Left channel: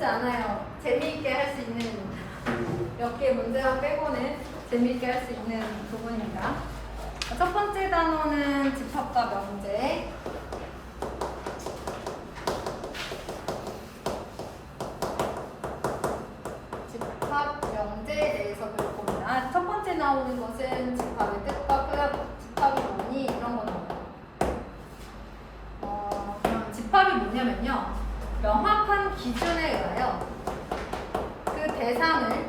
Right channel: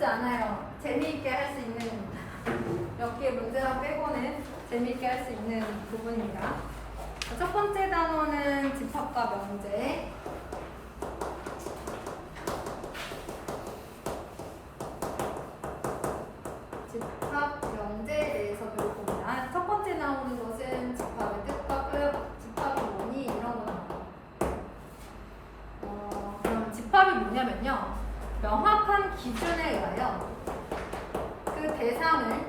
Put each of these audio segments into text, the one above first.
어렵지 않아요. 재미있게 할 수 있는 몇 개 문제만 빼고는 재미있게 할 수 있는 부분입니다. 첫 번째 단어는 집합과 명제. 집합, 명제에 대해서 배울 겁니다. 첫 번째 나오는 것은 집합의 뜻과 뜻, 집합이 뭐니? 이런 거 나옵니다. 그럼 집합이 뭐냐면요. 명확한 기준에 의하여 그 대상을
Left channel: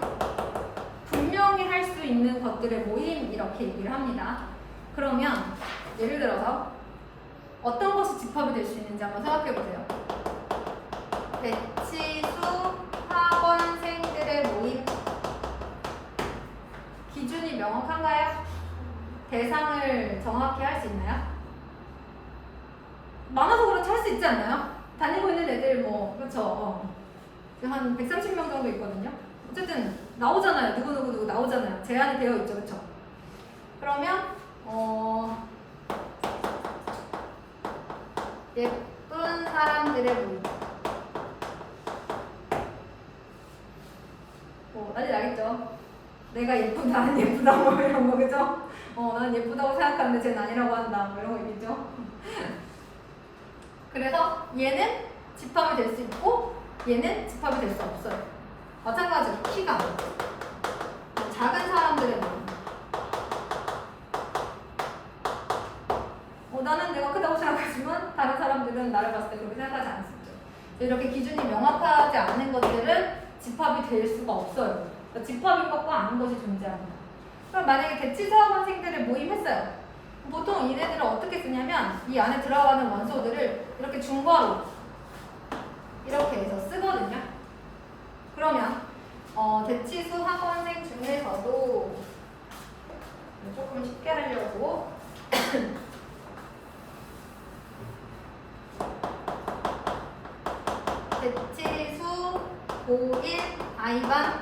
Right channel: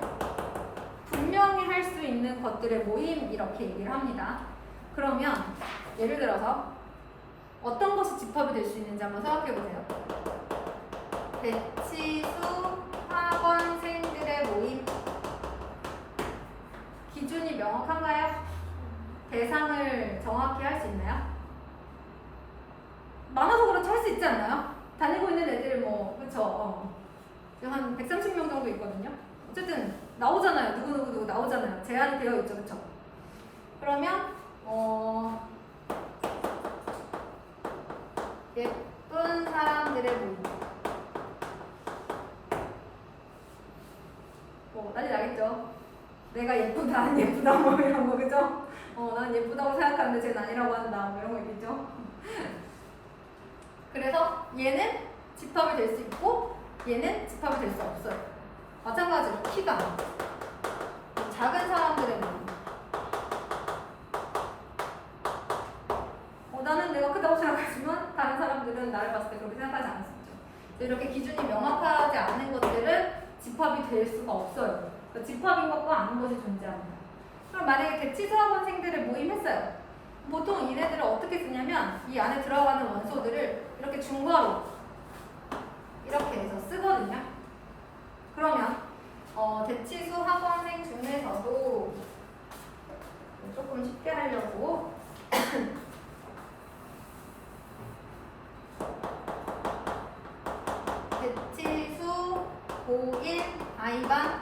분명히 할 수 있는 것들의 모임 이렇게 얘기를 합니다. 그러면 예를 들어서 어떤 것이 집합이 될 수 있는지 한번 생각해 보세요. 대치수 학원생들의 모임. 기준이 명확한가요? 대상을 정확히 할 수 있나요? 많아서 그렇지 할 수 있지 않나요? 다니고 있는 애들 뭐 그렇죠. 한 130명 정도 있거든요. 어쨌든 나오잖아요. 누구 나오잖아요. 제한이 되어 있죠. 그렇죠? 그러면 예쁜 사람들의 모임. 난리 나겠죠? 내가 예쁘다, 안 예쁘다, 뭐 이런 거, 그죠? 난 예쁘다고 생각하는데 쟤는 아니라고 한다, 뭐 이런 거 있겠죠? 그래서 얘는 집합이 될 수 있고, 얘는 집합이 될 수 없어요. 마찬가지로 키가 작은 사람들의 모임. 나는 내가 크다고 생각하지만 다른 사람들은 나를 봤을 때 그렇게 생각하지 않을 수 있죠. 이렇게 기준이 명확하지 않은 것들은 집합이 될 수가 없어요. 그러니까 집합인 것과 아닌 것이 존재합니다. 그럼 만약에 대치수 학원생들을 모임했어요. 보통 얘네들은 어떻게 쓰냐면 이 안에 들어가는 원소들을 이렇게 중괄호 이렇게 해서 쓰거든요. 그러면 대치수 학원생 중에서도 조금 쉽게 하려고 대치수 고1 I반을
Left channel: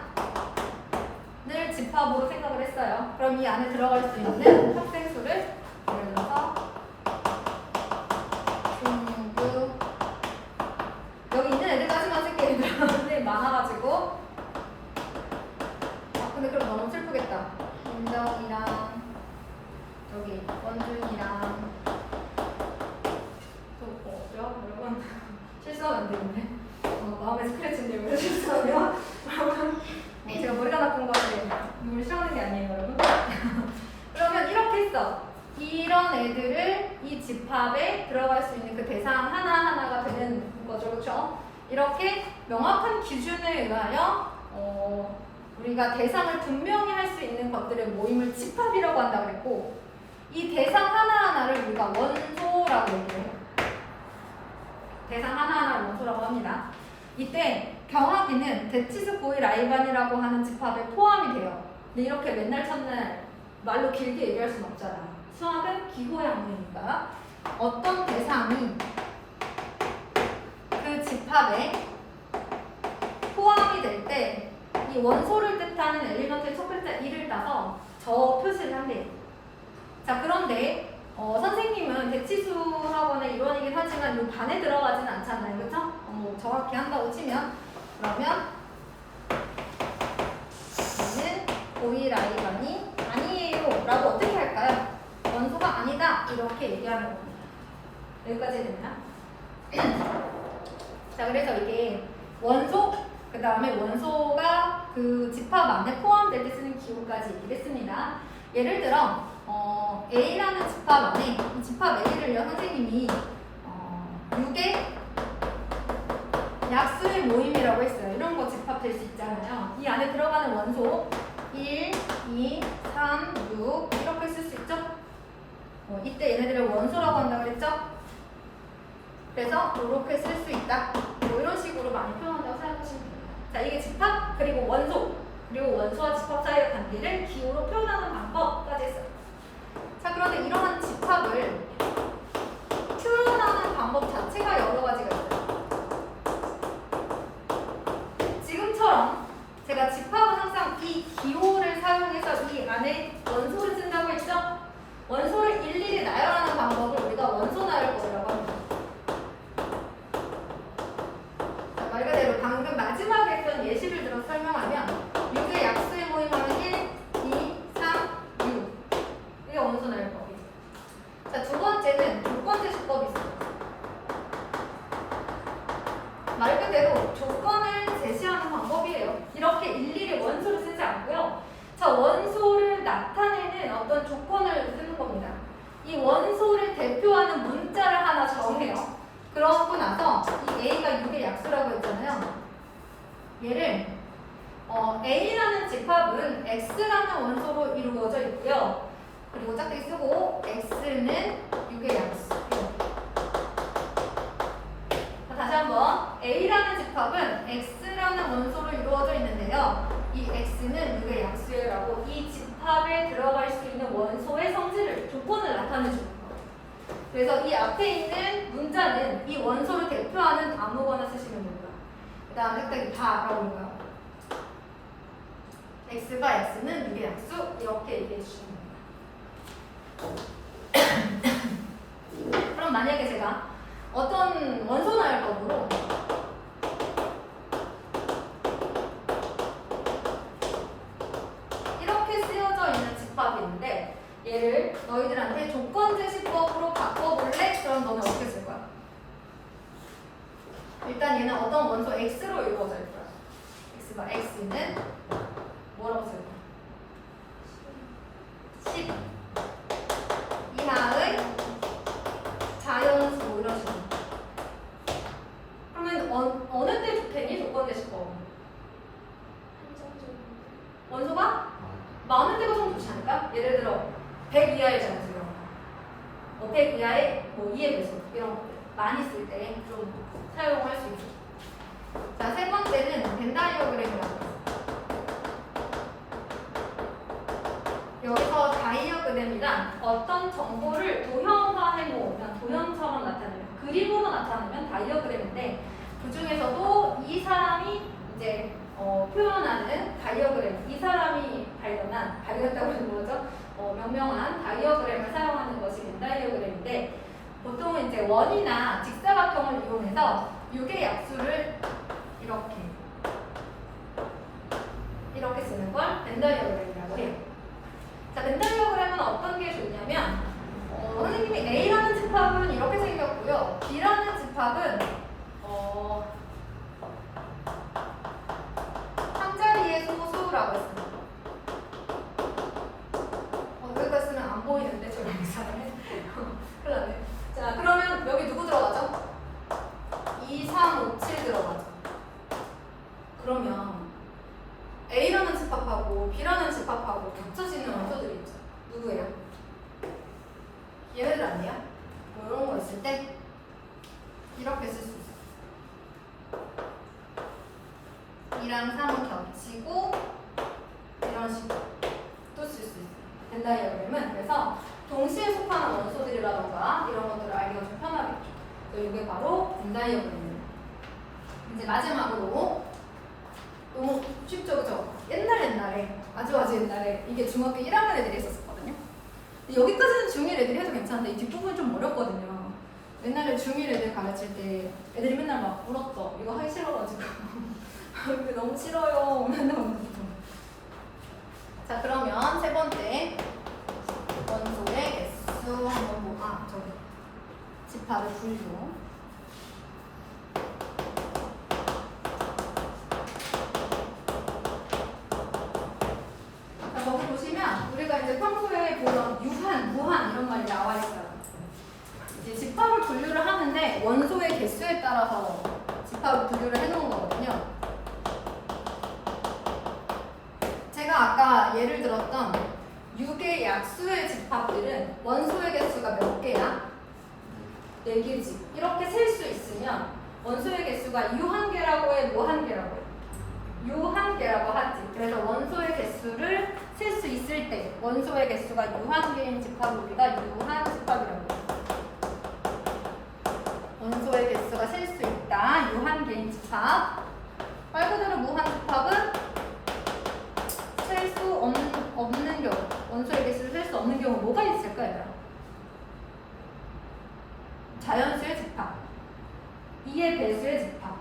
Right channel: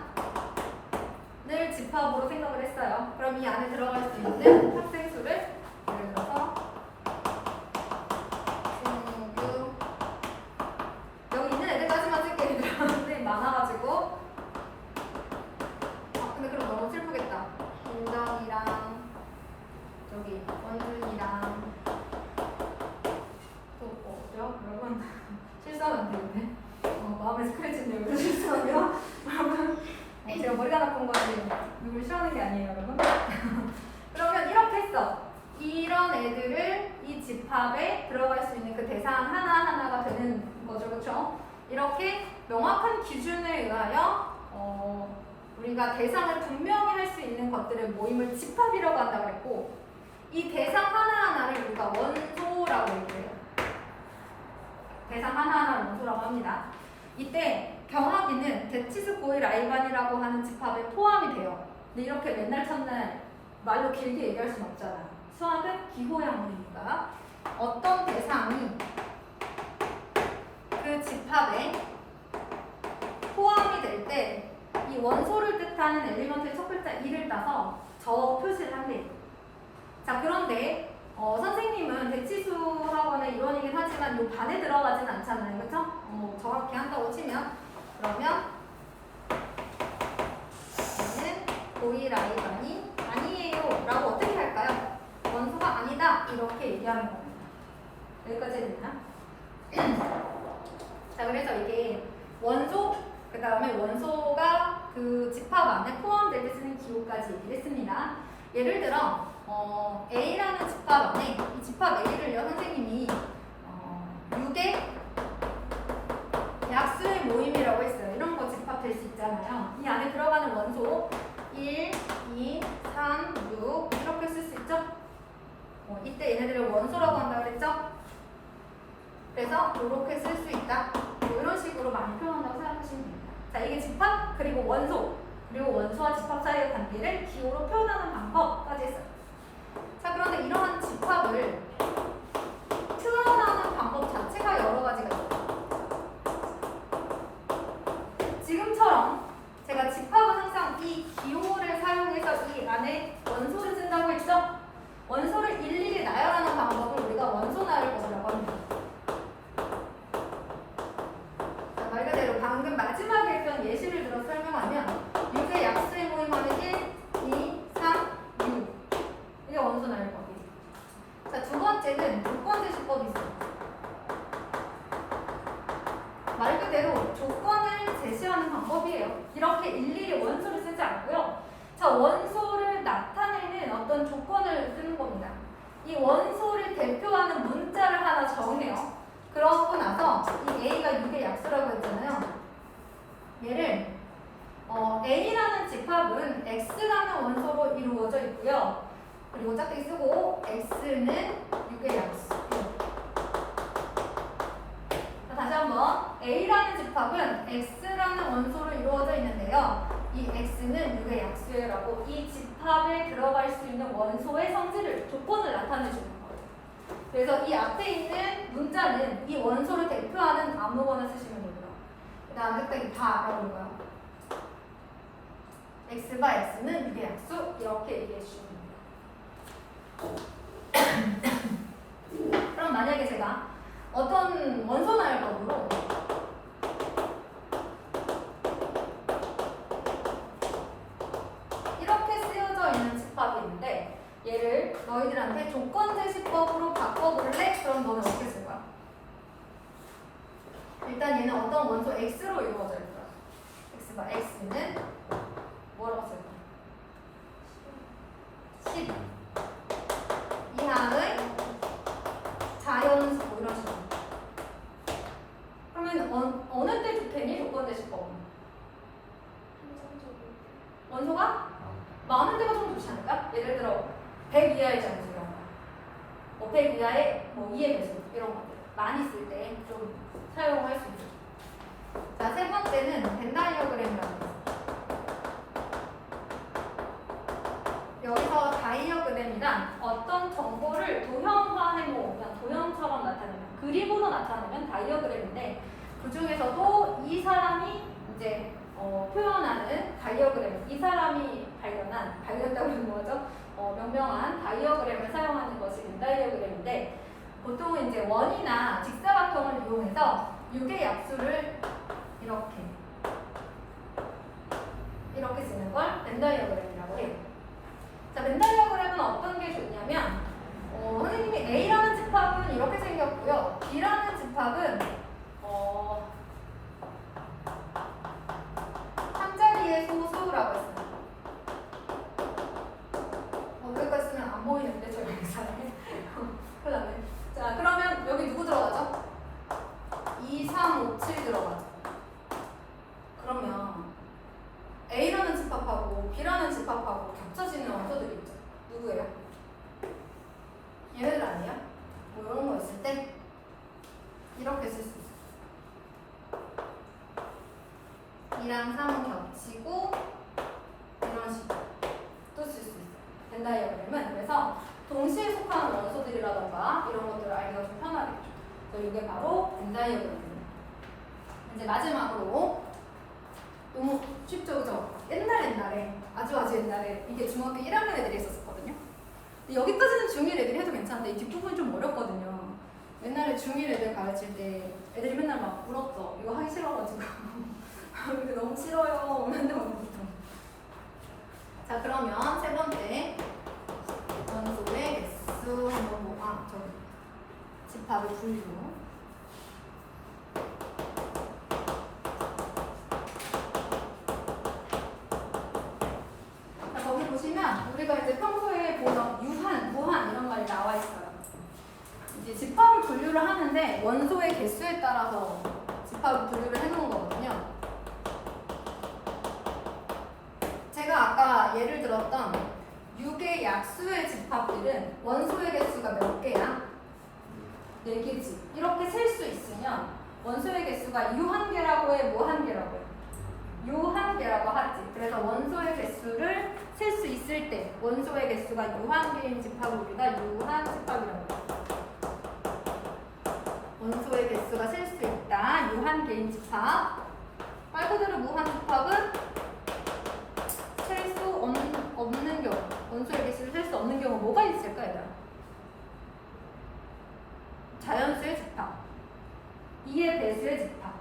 집합으로 생각을 했어요. 그럼 이 안에 들어갈 수 있는 학생 수를 예를 들어서 중교 여기 있는 애들까지만 쓸게. 얘들한테 많아가지고 근데 그럼 너무 슬프겠다. 김정이랑 여기 원준이랑 또 여러분 실수하면 안 되는데 마음에 스크래치인데 왜 실수하면 여러분 제가 머리가 나쁜 거지 누굴 싫어하는 게 아니에요 여러분. 그러면 이렇게 했어. 이런 애들을 이 집합에 들어갈 수 있는 그 대상 하나하나가 되는 거죠. 그렇죠? 이렇게 명확한 기준에 의하여 우리가 대상을 분명히 할 수 있는 것들의 모임을 집합이라고 한다고 그랬고 이 대상 하나하나를 우리가 원소라고 얘기해요. 대상 하나하나를 원소라고 합니다. 이때 경학이는 대치수 고1 I반이라고 하는 집합에 포함이 돼요. 근데 이렇게 맨날 첫날 말로 길게 얘기할 수는 없잖아. 수학은 기호양문이니까 어떤 대상이 그 집합에 포함이 될 때 이 원소를 뜻하는 엘리먼트의 첫 글자 1을 따서 저 표시를 한대요. 자, 그런데 선생님은 대치수 학원의 일원이긴 하지만 이 반에 들어가진 않잖아요. 그렇죠? 정확히 한다고 치면 그러면 얘는 고1 I반이 아니에요 라고 어떻게 할까요? 원소가 아니다 이렇게 얘기하는 겁니다. 여기까지 됐나? 자, 그래서 이게 원소 그 다음에 원소가 그 집합 안에 포함될 때 쓰는 기호까지 얘기를 했습니다. 예를 들어 A라는 집합 안에 이 집합 A를요 선생님이 6의 약수의 모임이라고 했어요. 이런 거 집합될 수 있잖아요. 이 안에 들어가는 원소 1, 2, 3, 6 이렇게 쓸 수 있죠? 이때 얘네들을 원소라고 한다고 그랬죠? 그래서 이렇게 쓸 수 있다. 뭐 이런 식으로 많이 표현한다고 생각하시면 됩니다. 자, 이게 집합 그리고 원소 그리고 원소와 집합 사이의 관계를 기호로 표현하는 방법까지 했어요. 자, 그런데 이러한 집합을 표현하는 방법 자체가 여러 가지가 있어요. 지금처럼 제가 집합은 항상 이 기호를 사용해서 이 안에 원소를 쓴다고 했죠? 원소를 일일이 나열하는 방법을 우리가 원소 나열법이라고 합니다. 자, 말 그대로 방금 마지막 예시를 들어 설명하면 6의 약수의 모임하면 1, 2, 3, 6 이게 원소 나열법이에요. 자, 두 번째는 조건 제시법이 있어요. 말 그대로 조건을 제시하는 방법이에요. 이렇게 일일이 원소를 쓰지 않고요. 자, 원소를 나타내는 어떤 조건을 쓰는 겁니다. 이 원소를 대표하는 문자를 하나 정해요. 그러고 나서 이 A가 6의 약수라고 했잖아요. 얘를 A라는 집합은 X라는 원소로 이루어져 있고요. 그리고 짝대기 쓰고 X는 6의 약수. 다시 한번 A라는 집합은 X라는 원소로 이루어져 있는데요. 이 X는 6의 약수라고 이 집합에 들어갈 수 있는 원소의 성질을 조건을 나타내주는 거예요. 그래서 이 앞에 있는 문자는 이 원소를 대표하는 아무거나 쓰시면 됩니다. 그 다음에 짝대기 다라고 하는 거예요. X가 X는 6의 약수 이렇게 얘기해 주시면 됩니다. 그럼 만약에 제가 어떤 원소 나열법으로 이렇게 쓰여져 있는 집합이 있는데 얘를 너희들한테 조건 제시법으로 바꿔볼래? 그럼 너는 어떻게 쓸 거야? 일단 얘는 어떤 원소 X로 이루어져 있어요. X가 X는 뭐라고 쓸 거야? 10 이하의 자연수 뭐 이런 식으로. 그러면 어느 때 좋겠니? 조건 제시법. 원소가 많은 데가 좀 좋지 않을까? 예를 들어 100 이하의 자연수 이런 거. 100 이하의 2의 배수 이런 것들 많이 쓸 때 좀 사용할 수 있어요. 자, 세 번째는 벤 다이어그램이라고 해요. 여기서 다이어그램이란 어떤 정보를 도형화해 놓으면 도형처럼 나타내면 그림으로 나타내면 다이어그램인데 그 중에서도 이 사람이 이제 표현하는 다이어그램, 이 사람이 발견했다고 하는 거죠. 명명한 다이어그램을 사용하는 것이 벤 다이어그램인데 보통은 이제 원이나 직사각형을 이용해서 6의 약수를 이렇게 쓰는 걸 벤 다이어그램이라고 해요. 자, 벤 다이어그램은 어떤 게 좋냐면 선생님이 A라는 집합은 이렇게 생겼고요. B라는 집합은 한 자리의 소수라고 했습니다. 여기까지 쓰면 안 보이는데 저희 영상에 큰일 났네. 자, 그러면 여기 누구 들어가죠? 2, 3, 5, 7 들어가죠. 그러면 A라는 집합하고 B라는 집합하고 겹쳐지는 원소들이 있죠. 누구예요? 얘네들 아니야? 뭐 이런 거 있을 때 이렇게 쓸 수 있어요. 2랑 3은 겹치고 이런 식으로 또 쓸 수 있어요. 벤 다이어그램은 그래서 동시에 속하는 원소들이라던가 이런 것들을 알기가 좀 편하겠죠. 이게 바로 벤 다이어그램입니다. 이제 마지막으로 너무 쉽죠, 그죠? 옛날에 아주 옛날에 이게 중학교 1학년 애들이 했었거든요. 근데 여기까지는 중1 애들이 해도 괜찮은데 이 뒷부분이 좀 어렵거든요. 옛날에 중1 애들 가르칠 때 애들이 맨날 막 울었어. 이거 하기 싫어가지고 이게 너무 싫어요. 맨날 울었어. 자, 그러면 세 번째 원소의 개수 한번 집합의 분류. 거기 보시면 우리가 이제 평소에 보던 유한, 무한 이런 말이 나와 있어요. 이제 집합을 분류를 하는데 원소의 개수에 따라서 집합을 분류를 해놓은 거거든요. 제가 아까 예를 들었던 6의 약수의 집합들은 원소의 개수가 몇 개야? 4개지. 이렇게 셀 수 있으면 원소의 개수가 유한계라고 해, 무한계라고 해? 유한계라고 하지. 그래서 원소의 개수를 셀 수 있을 때 원소의 개수가 유한계인 집합을 우리가 유한 집합이라고 해요. 원소의 개수가 셀 수 있다. 유한계인 집합. 말 그대로 무한 집합은 셀 수 없는 경우, 원소의 개수를 셀 수 없는 경우 뭐가 있을까, 얘들아? 자연수의 집합, 2의 배수의 집합.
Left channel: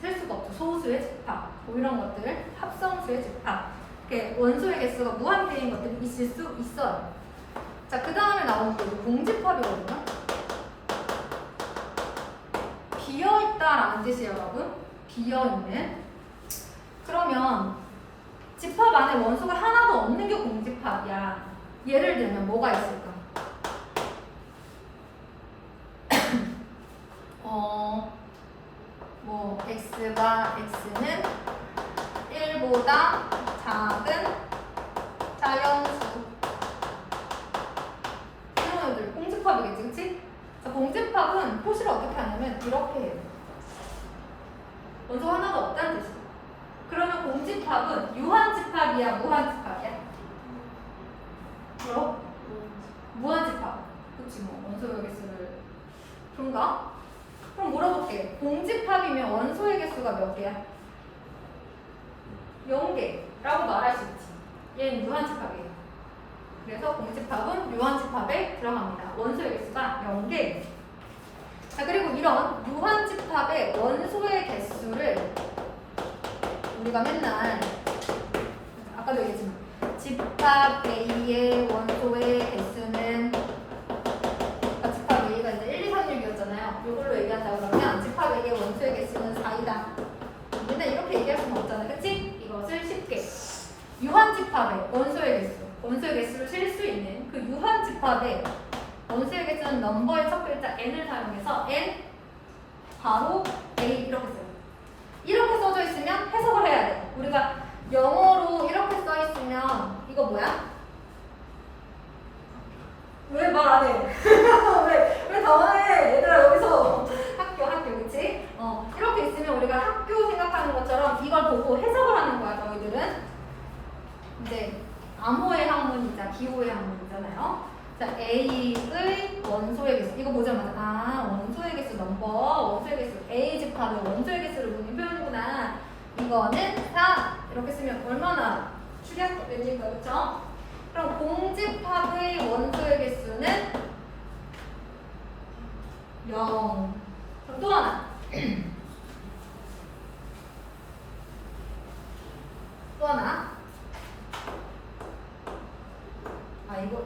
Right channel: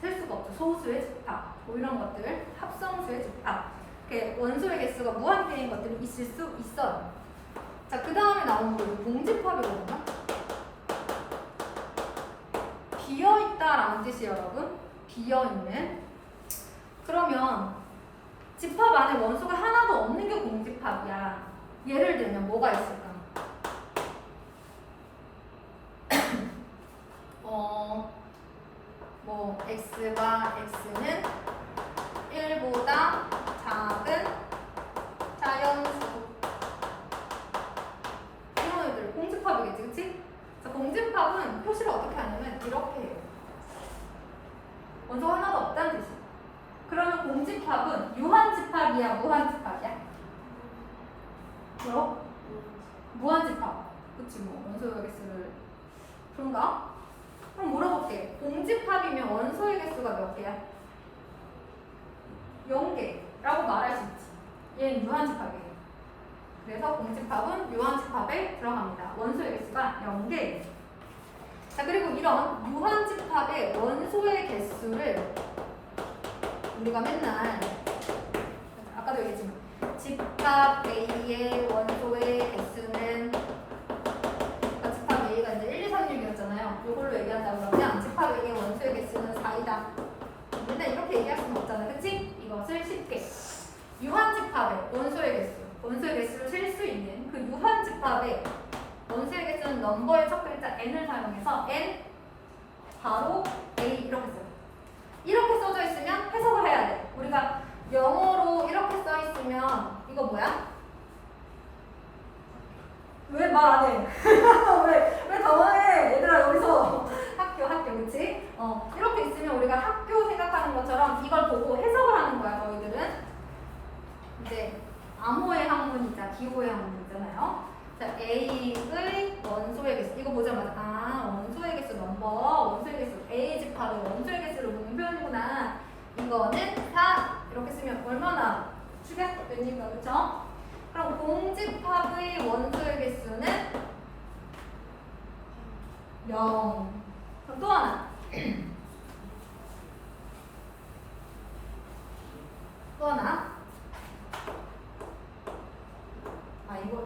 셀 수가 없죠. 소수의 집합, 뭐 이런 것들, 합성수의 집합. 이렇게 원소의 개수가 무한대인 것들이 있을 수 있어요. 자, 그 다음에 나오는 게 공집합이거든요. 비어있다라는 뜻이에요, 여러분. 비어있는. 그러면 집합 안에 원소가 하나도 없는 게 공집합이야. 예를 들면 뭐가 있을까? 뭐 x가 x는 1보다 작은 자연수. 이런 애들 공집합이겠지, 그치? 자, 공집합은 표시를 어떻게 하냐면 이렇게 해요. 원소 하나가 없다는 뜻이에요. 그러면 공집합은 유한집합이야, 무한집합이야? 뭐로? 무한집합. 그치, 뭐 원소의 개수를 그런가? 그럼 물어볼게. 공집합이면 원소의 개수가 몇 개야? 0개라고 말할 수 있지. 얘는 유한집합이에요. 그래서 공집합은 유한집합에 들어갑니다. 원소의 개수가 0개. 자, 그리고 이런 유한집합의 원소의 개수를 우리가 맨날 아까도 얘기했지만 집합 A의 원소의 개수는 집합 A가 이제 1, 2, 3, 6이었잖아요. 이걸로 얘기한다 그러면 집합 A의 원소의 개수는 4이다. 맨날 이렇게 얘기할 수는 없잖아, 그치? 이것을 쉽게 유한집합의 원소의 개수를 셀 수 있는 그 유한집합의 원소의 개수는 넘버의 첫 글자 n을 사용해서 n 바로 A 이렇게 써요. 이렇게 써져 있으면 해석을 해야 돼. 우리가 영어로 이렇게 써 있으면 이거 뭐야? 왜 말 안 해? 왜 당황해? 얘들아 여기서 학교 그치? 이렇게 있으면 우리가 학교 생각하는 것처럼 이걸 보고 해석을 하는 거야. 너희들은 이제 암호의 학문이자 기호의 학문이잖아요. 자, A의 원소의 개수 이거 보자마자 원소의 개수 넘버 원소의 개수 A 집합의 원소의 개수를 묻는 표현이구나. 이거는 4 이렇게 쓰면 얼마나 축약됩니까? 그쵸? 그럼 공집합의 원소의 개수는 0. 그럼 또 하나. 또 하나.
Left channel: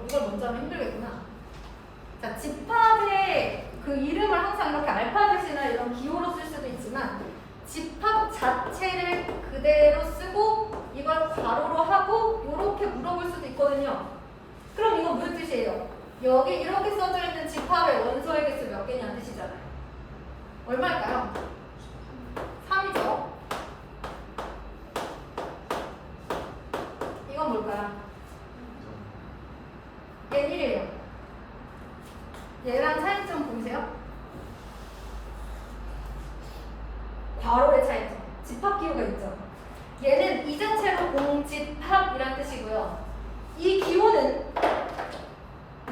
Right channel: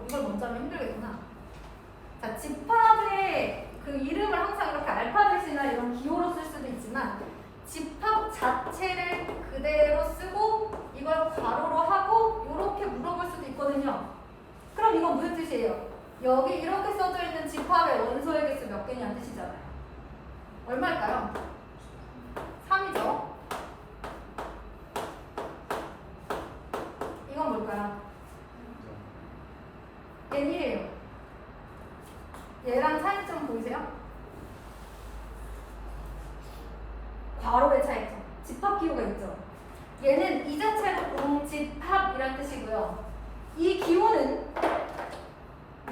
이걸 먼저 하면 힘들겠구나. 자, 집합의 그 이름을 항상 이렇게 알파벳이나 이런 기호로 쓸 수도 있지만 집합 자체를 그대로 쓰고 이걸 괄호로 하고 이렇게 물어볼 수도 있거든요. 그럼 이건 무슨 뜻이에요? 여기 이렇게 써져 있는 집합의 원소의 개수 몇 개냐는 뜻이잖아요. 얼마일까요? 3이죠. 이건 뭘까요? n이에요. 얘랑 차이점 보이세요? 괄호의 차이점. 집합 기호가 있죠. 얘는 이 자체로 공집합이란 뜻이고요. 이 기호는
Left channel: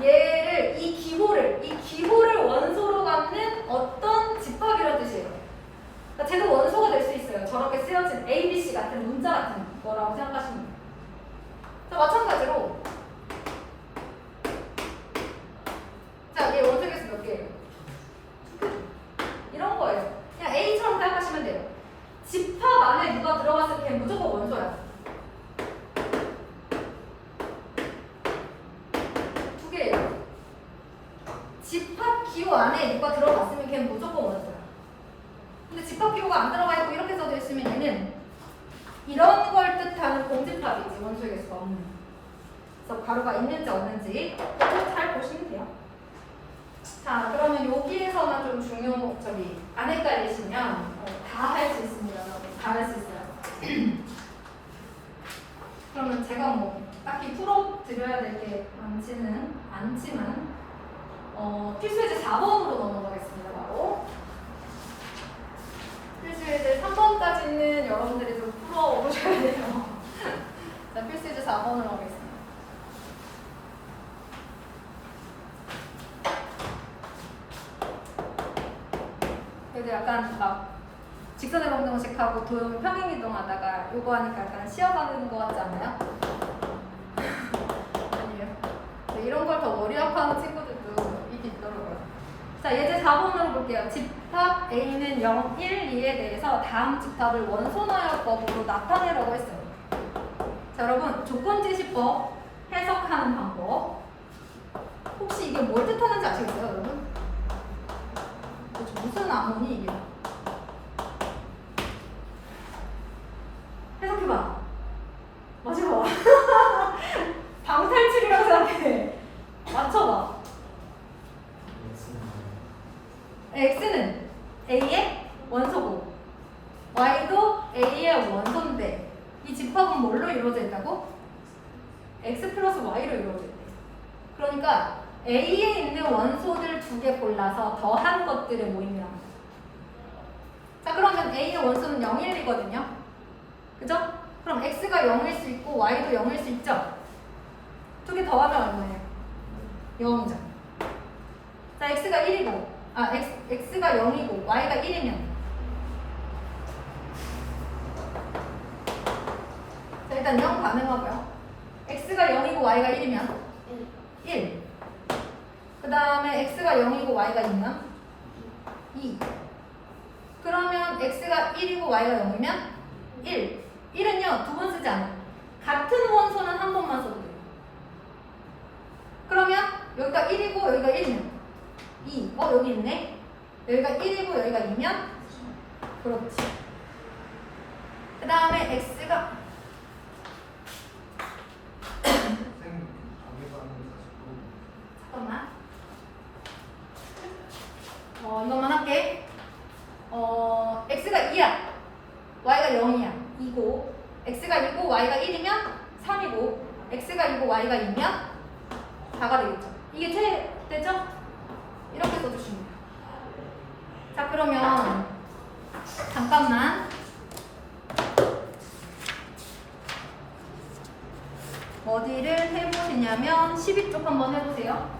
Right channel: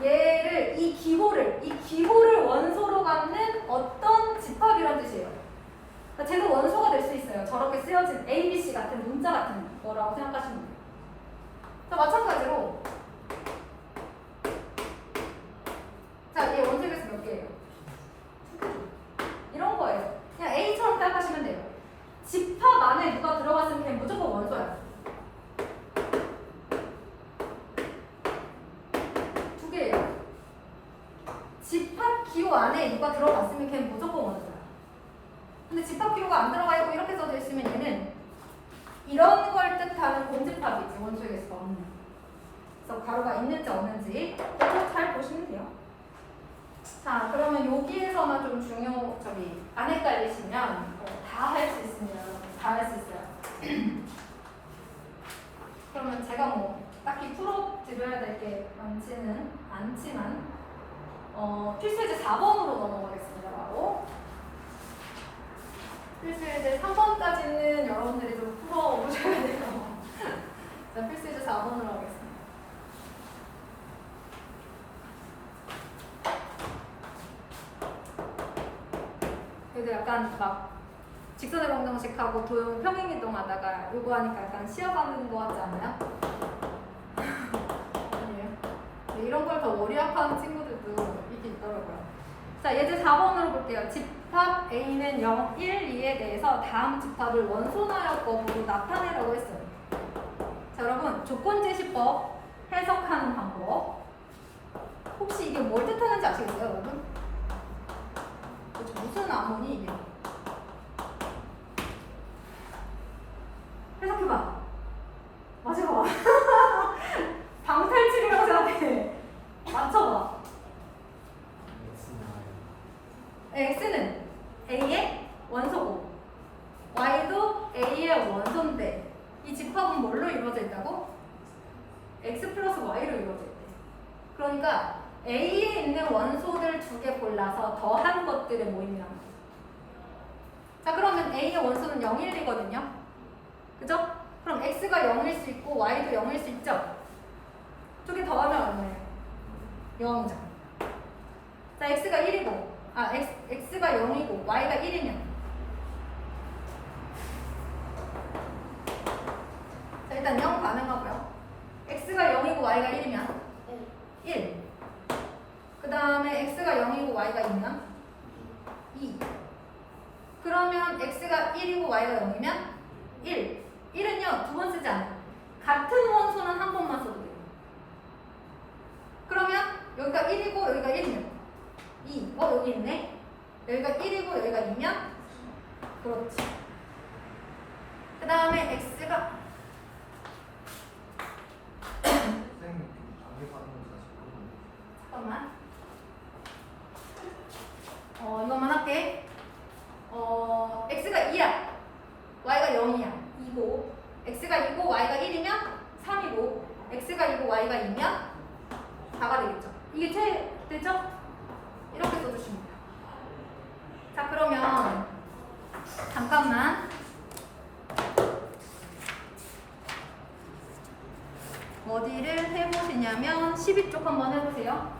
얘를 이 기호를 원소로 갖는 어떤 집합이란 뜻이에요. 그러니까 쟤도 원소가 될 수 있어요. 저렇게 쓰여진 A, B, C 같은 문자 같은 거라고 생각하시면 돼요. 자, 마찬가지로 자, 얘 원소의 개수 몇 개예요? 이런 거예요. 그냥 A처럼 생각하시면 돼요. 집합 안에 누가 들어갔으면 걔는 무조건 원소야. 2개예요. 집합 기호 안에 누가 들어갔으면 걔는 무조건 원소야. 근데 집합 기호가 안 들어가 있고 이렇게 써져 있으면 얘는 이런 걸 뜻하는 공집합이지, 원소의 개수가 없는. 그래서 괄호가 있는지 없는지 잘 보시면 돼요. 자, 그러면 여기에서만 좀 안 헷갈리시면 다 할 수 있습니다. 다 할 수 있어요. 그러면 제가 뭐 딱히 풀어드려야 될 게 많지는 않지만 필수예제 4번으로 넘어가겠습니다. 바로 필수예제 3번까지는 여러분들이 좀 풀어보셔야 돼요. 자, 필수예제 4번으로 하겠습니다. 그래도 약간 막 직선의 방정식하고 평행이동 하다가 요거 하니까 약간 쉬어가는 것 같지 않나요? 아니에요? 네, 이런 걸 더 머리 아파하는 친구들도 있긴 있더라고요. 자, 예제 4번으로 볼게요. 집합 A는 0, 1, 2에 대해서 다음 집합을 원소너역법으로 나타내라고 했어요. 자, 여러분 조건제시법 해석하는 방법. 혹시 이게 뭘 뜻하는지 아시겠어요, 여러분? 도대체 무슨 암호니 이게? 해석해봐. 맞춰봐. 방탈출이라고 생각해. 맞춰봐. X는 A의 원소고 Y도 A의 원소인데 이 집합은 뭘로 이루어져 있다고? X 플러스 Y로 이루어져 있대. 그러니까 A에 있는 원소들 2개 골라서 더한 것들의 모임이란 말이야. 자, 그러면 A의 원소는 0, 1이거든요. 그죠? 그럼 X가 0일 수 있고 Y도 0일 수 있죠? 2개 더하면 얼마예요? 0이죠. 자, X가 1이고 X가 0이고 Y가 1이면 자, 일단 0 가능하고요. X가 0이고 Y가 1이면 1. 그 다음에 X가 0이고 Y가 2면 2. 그러면 X가 1이고 Y가 0이면 1. 1은요, 2번 쓰지 않아요. 같은 원소는 한 번만 써도 돼요. 그러면 여기가 1이고 여기가 1이면 2. 여기 있네. 여기가 1이고 여기가 2면 그렇지. 그 다음에 X가 잠깐만. 이것만 할게. X가 2야. Y가 0이야. 2고 X가 2고 Y가 1이면 3이고 X가 2고 Y가 2면 4가 되겠죠. 이게 되죠? 이렇게 써주시면 돼요. 자, 그러면 잠깐만 어디를 해보시냐면 12쪽 한번 해보세요.